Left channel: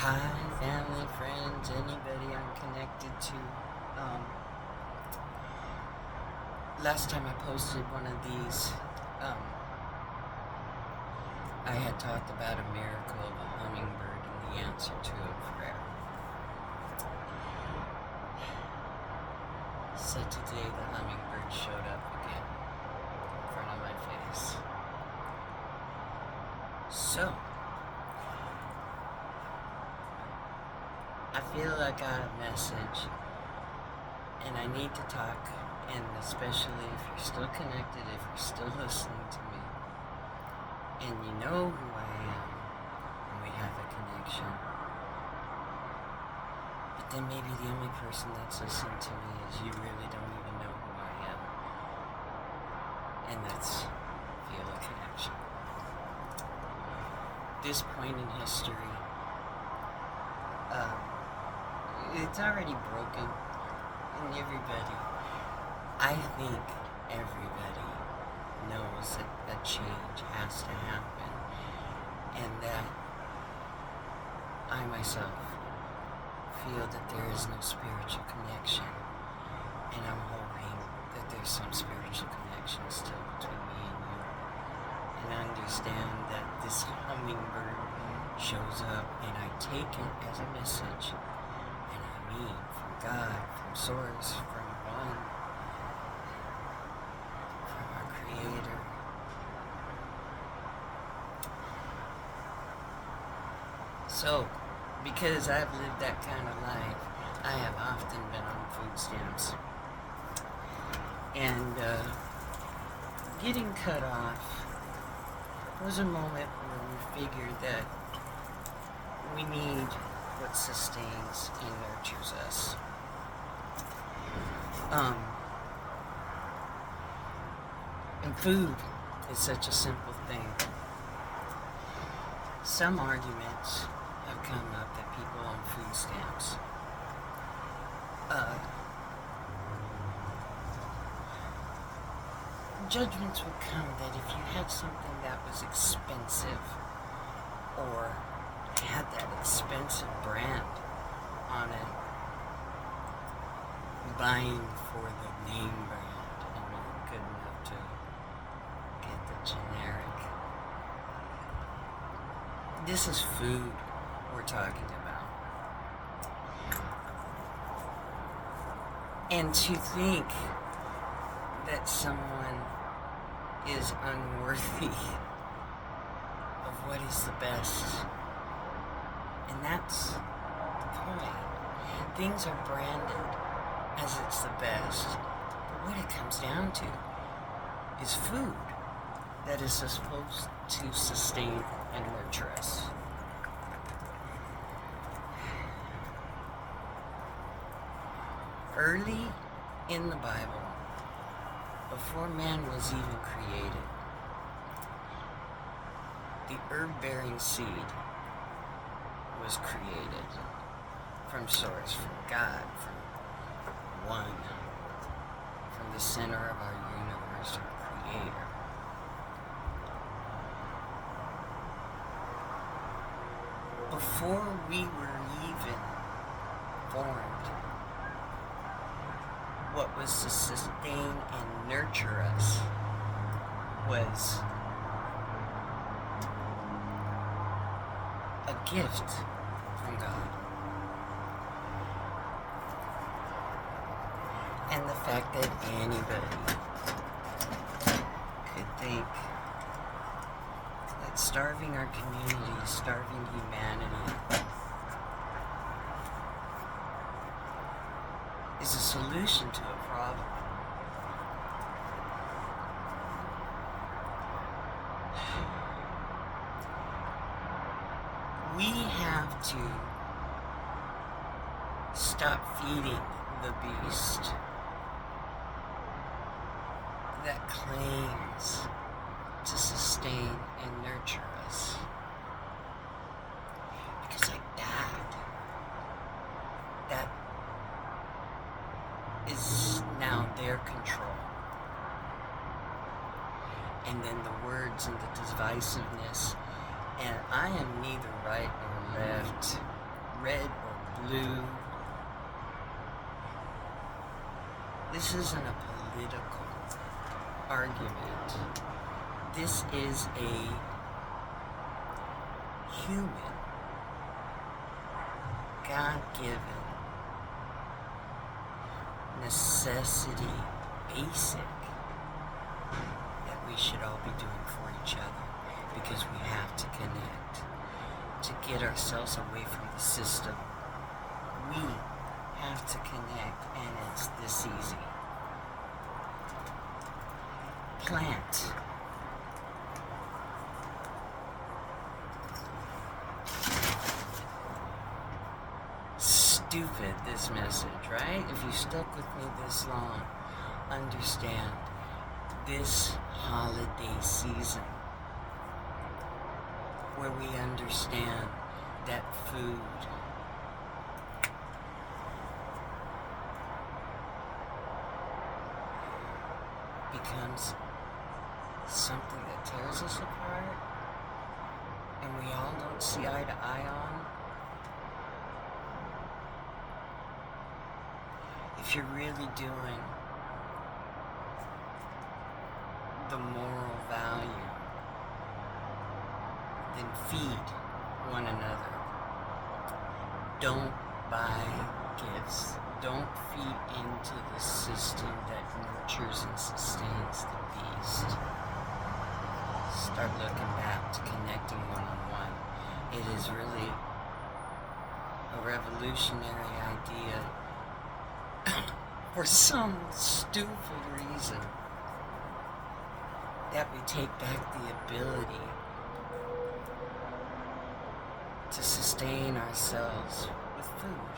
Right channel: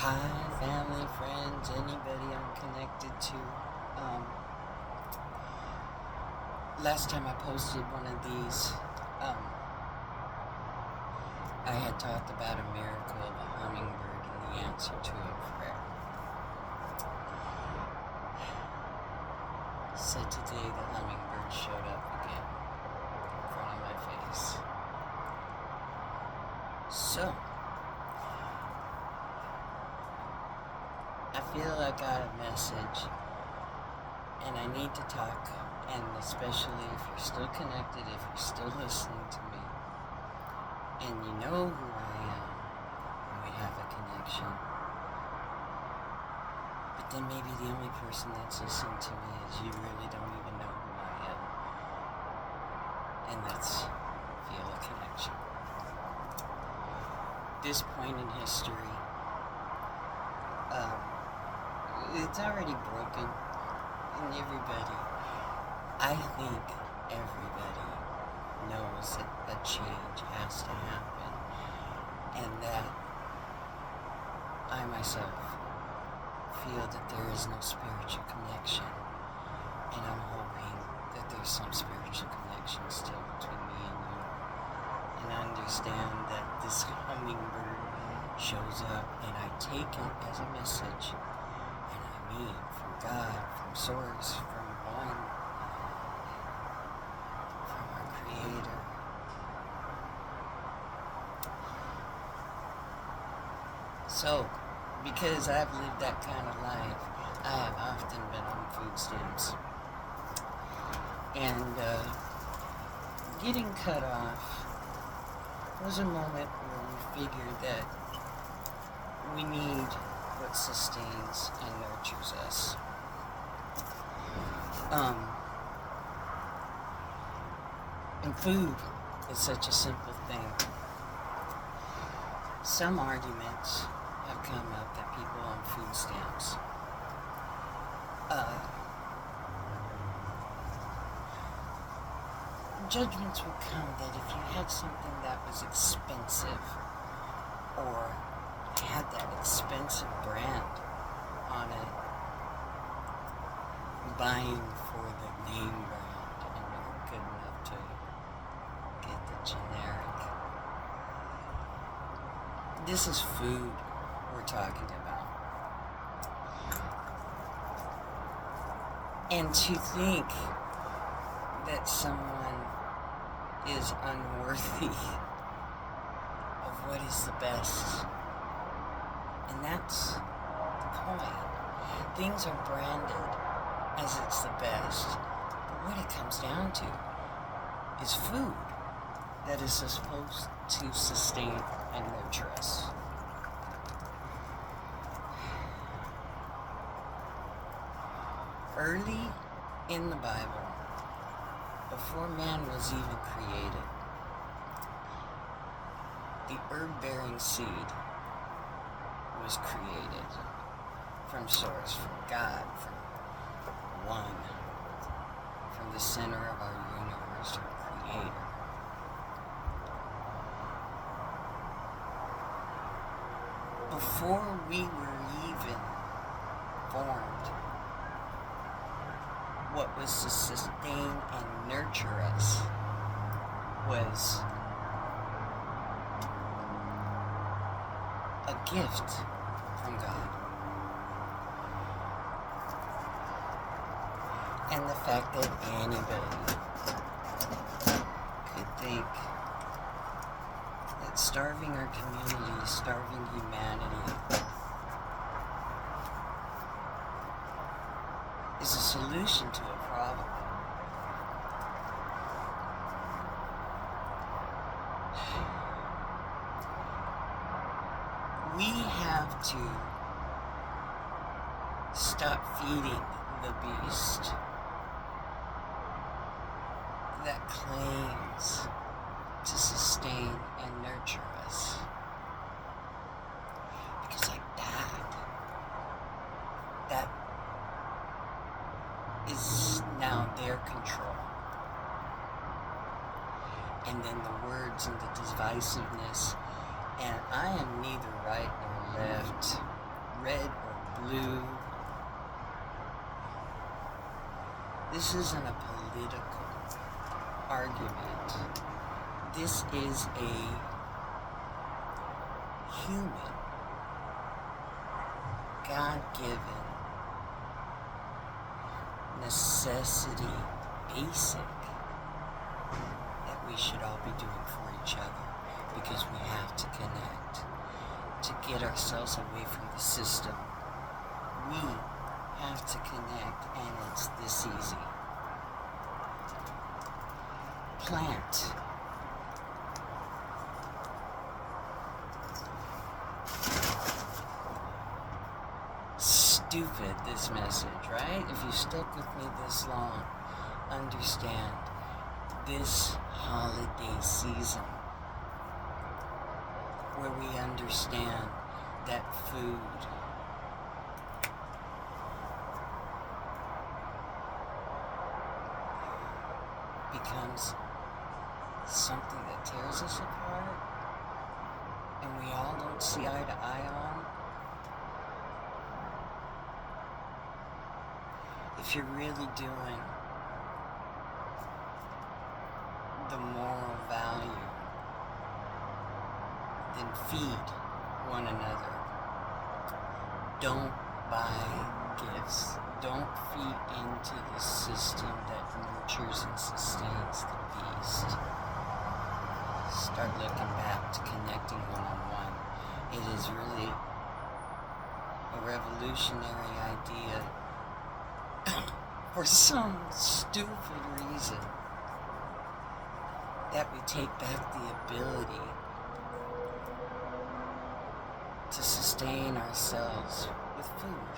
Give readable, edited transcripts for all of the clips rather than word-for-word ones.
Hi, family, friends, anybody I'm connected to. Last time I posted one of these, I had talked about a miracle of a hummingbird and the answer to a prayer. So today the hummingbird showed up again in front of my face. So, I feel I got a message and I need to talk, and especially if you're still connected, if you're still listening to me, and you know who I am, and we have a connection. But then maybe the only person that's listening to me is you really don't even know who I am. And that's feel a connection. This point in history, it's already broken, and I think everybody knows that a change has to happen, and that I myself feel that there is no spiritual connection, and I'm hoping that there's some spiritual connection still between me and you, and I understand that this hummingbird shows up, and I take it as a message, and I mean from God, from Source, from One, from our Creator. So, because I've lived that kind of life, I have often been on food stamps. And getting cut off was a moment where we figured that we need what sustains and nurtures us. And food is such a simple thing. Some arguments have come up that people on food stamps judgments would come that if you had something that was expensive or had that expensive brand on it, buying for the name brand and not good enough to get the generic. This is food we're talking about. And to think that someone is unworthy of what is the best. And that's the point. Things are branded as it's the best. But what it comes down to is food that is supposed to sustain and nurture us. Early in the Bible, before man was even created, the herb-bearing seed was created from Source, from God, from One, from the center of our universe, our Creator. Before we were even formed, what was to sustain and nurture us was a gift from God. And the fact that anybody could think that starving our community, starving humanity, is a solution to a problem. We have to stop feeding the beast that claims to sustain and nurture us. Because like that is now their control. And then the words and the divisiveness, and I am neither right nor left. This isn't a political argument. This is a human, God-given necessity, basic, that we should all be doing for each other, because we have to connect to get ourselves away from the system. We have to connect, and it's this easy. Plant. Stupid, this message, right? If you stuck with me this long, understand this holiday season, where we understand that food becomes something that tears us apart, and we all don't see eye to eye on. If you're really doing the moral value, then feed one another. Don't buy gifts. Don't feed into the system that nurtures and sustains the beast. Start looking back to connecting one-on-one. It is really a revolutionary idea for some stupid reason that we take back the ability to sustain ourselves with food.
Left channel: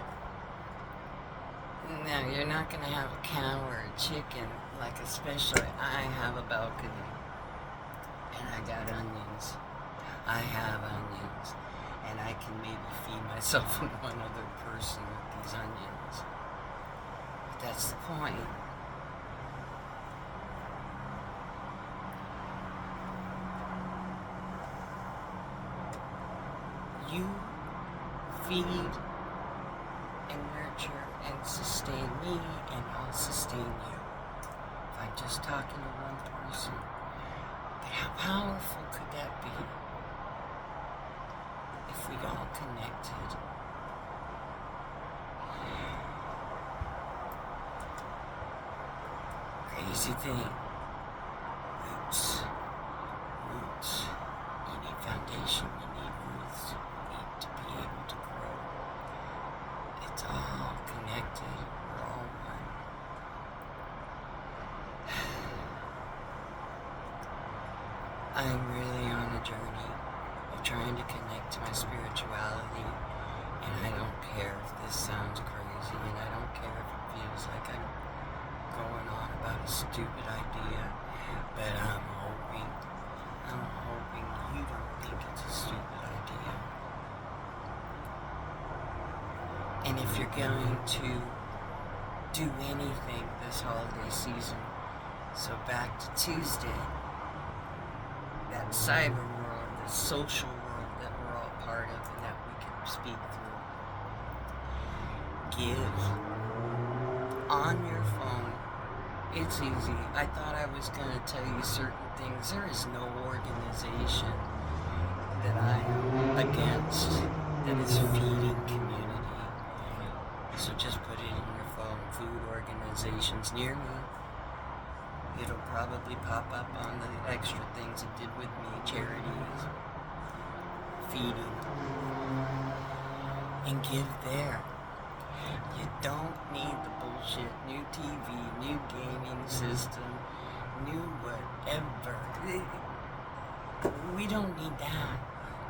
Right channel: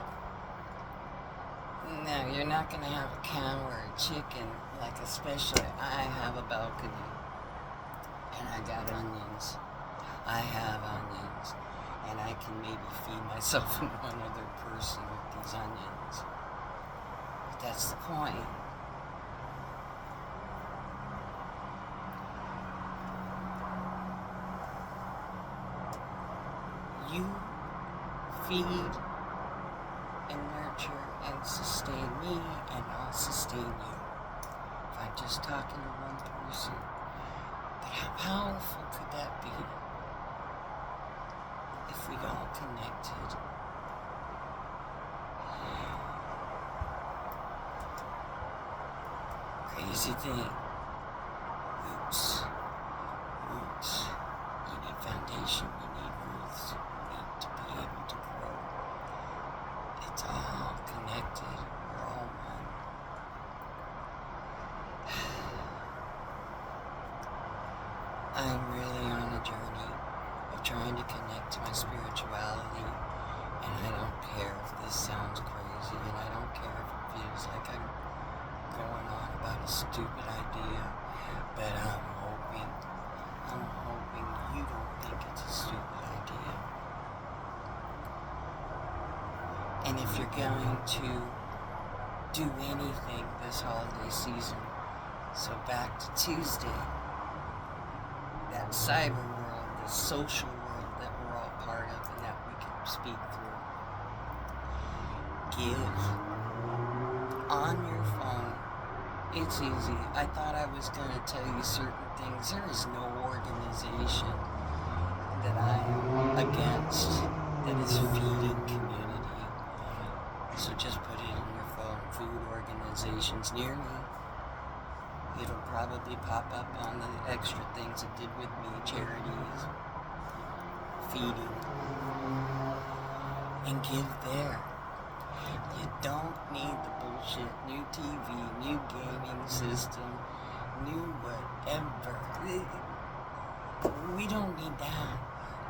Now, you're not going to have a cow or a chicken, like especially I have a balcony, and I got onions. I have onions, and I can maybe feed myself and one other person with these onions. But that's the point. You feed and nurture and sustain me, and I'll sustain you. If I'm just talking to one person, then how powerful could that be if we all connected? Crazy thing. Roots. Roots. You need foundation. You need roots. You need to be able to grow. It's all connected. We're all one. I'm really on a journey of trying to connect to my spirituality, and I don't care if this sounds crazy, and I don't care if it feels like I'm going on about a stupid idea, but I'm hoping you don't think it's a stupid idea. And if you're going to do anything this holiday season, so back to Tuesday, that cyber world, the social world that we're all part of and that we can speak through, give on your phone. It's easy. I thought I was going to tell you certain things. There is no organization that I am against that is feeding community. So just put it in your phone. Food organizations near me. It'll probably pop up on the extra things it did with me. Charities. Feeding. And give there. You don't need the bullshit, new TV, new gaming system, new whatever. We don't need that.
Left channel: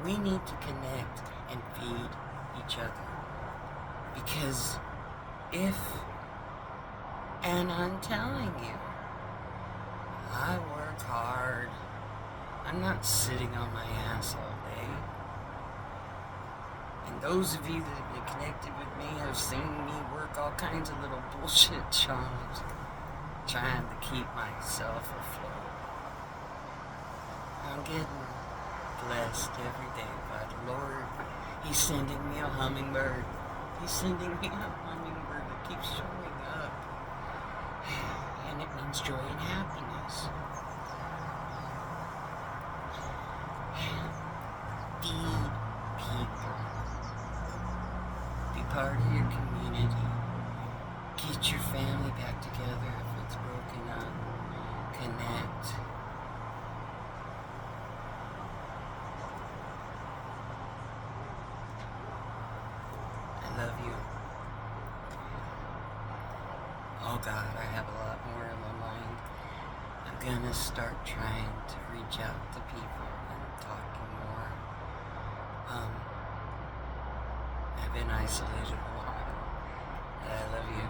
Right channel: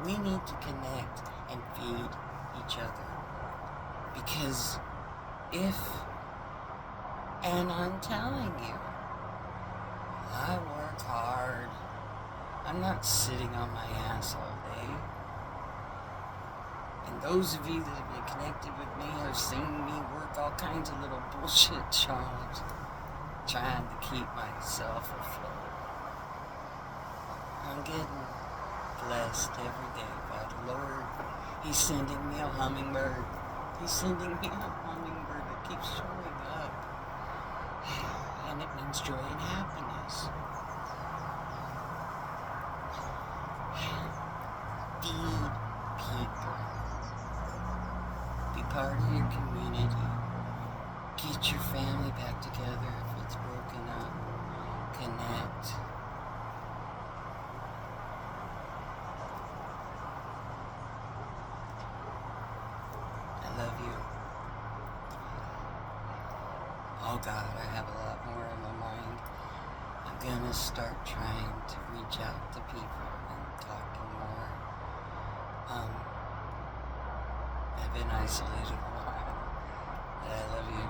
We need to connect and feed each other. Because and I'm telling you, I work hard. I'm not sitting on my ass all day. And those of you that have been connected with me have seen me work all kinds of little bullshit jobs, trying to keep myself afloat. I'm getting blessed every day by the Lord. He's sending me a hummingbird. He's sending me a hummingbird that keeps showing up. brings joy and happiness. Feed people. Be part of your community. Get your family back together if it's broken up. Connect. I love you. Oh God, I have a lot more in my mind. I'm gonna start trying to reach out to people and talking more. I've been isolated a while. But I love you.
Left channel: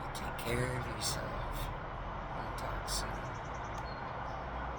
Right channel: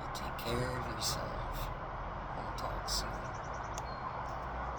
You take care of yourself. We'll talk soon.